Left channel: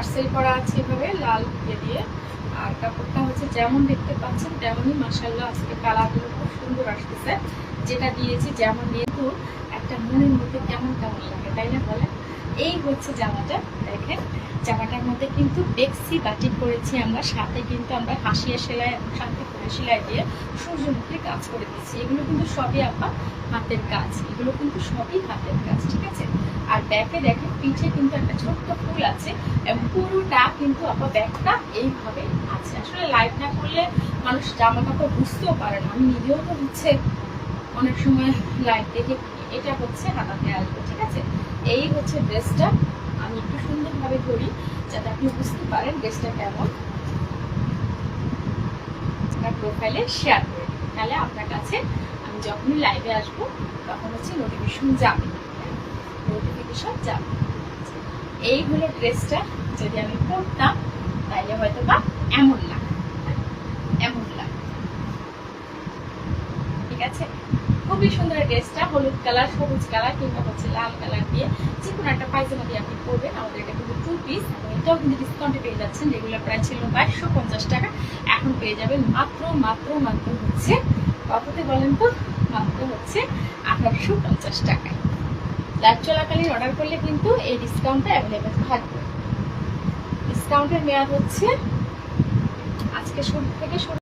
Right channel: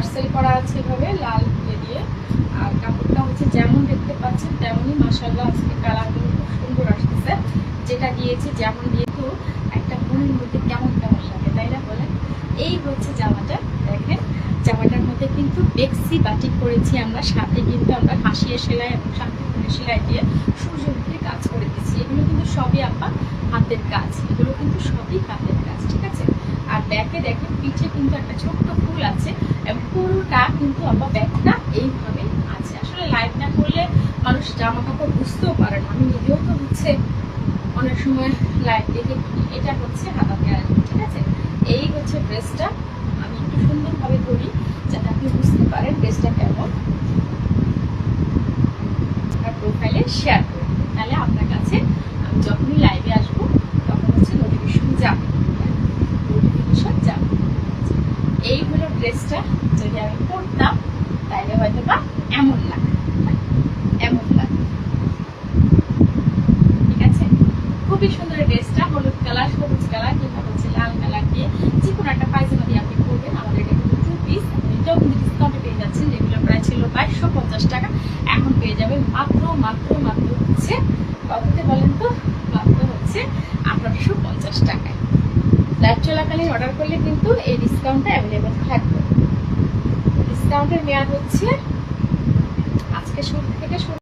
Tassel করা আছে এভাবে লাল দিয়ে। আর কাপড়টা হচ্ছে যেমন দেখতে পাচ্ছেন তেমনই মাশাআল্লাহ আজকে কালারগুলো খুব সুন্দর আসতেছে। যেটা দিয়েছি যেমন দিয়ে তো একটা মনের মধ্যে কেমন কেমন লাগে, তাই না বলেন? এই হচ্ছে জামাটা। দেখেন জামাটার মধ্যে কিন্তু বেক্সি বাটিক করেছি আমরা, সাথে কিন্তু আমরা হাসিয়া সেলাই এবং শান্তিপূর্ণ সেলাই দিয়ে সূর্যমুখীর কাজ করে দিচ্ছি। এগুলো কিন্তু সবই আপনার হাতের কাজ, এগুলো কিন্তু সবই হাতের কাজ, ঠিক আছে? আর ব্যাকে দেখেন পিঠে কিন্তু একটা ছোট্ট ফুল আছে এবং পুরোটা কিন্তু আবার ব্যাগটা এইভাবে আছে। আসলে লাইভ না করলে মানুষ জামা কাপড় বুঝতেও পারে না। আমি নিজেও তো হচ্ছে অনেক সময় লাইভ দেখে। এটা হচ্ছে হাতাতে আসবে, ঠিক আছে? এই হচ্ছে ড্রেসটা। আমি একটু সুন্দরভাবে ধরি যাতে আপনি বুঝতে পারেন ড্রেসটা কেমন। আপনার প্রোফাইলে শেয়ার করে দিন, তাহলে আপনার কাছে আমি যখনই লাইভে আসবো তখন হচ্ছে নোটিফিকেশন যাবে। এই হলো ড্রেসটা। যদি আমি পরতাম তাইলে হয়তো বা এমন লাগে, এমন লাগে, ঠিক আছে? খুবই সুন্দর ড্রেসটা। হলুদ কালার, সবুজ কালার কিংবা হচ্ছে লাল কালার দিয়ে যে কোনো একটা পায়জামা দিয়ে আপনি পরবেন। আমাদের এটা কিন্তু 2 পিস, এটাও কিন্তু ডিসকাউন্টে পেয়ে যাচ্ছেন। রেগুলার প্রাইস ছিল 2250 টাকা, এখন পেয়ে যাবেন মাত্র মাত্র মাত্র হচ্ছে কততে বলেন তো? মাত্র হচ্ছে 1850 টাকায়। লাইভ চলাকালীন অর্ডার করলে কিন্তু এই ডিসকাউন্টটা অ্যাভেলেবল থাকবে। ডিসকাউন্টের মেয়াদ হচ্ছে আজকে শুরু থেকে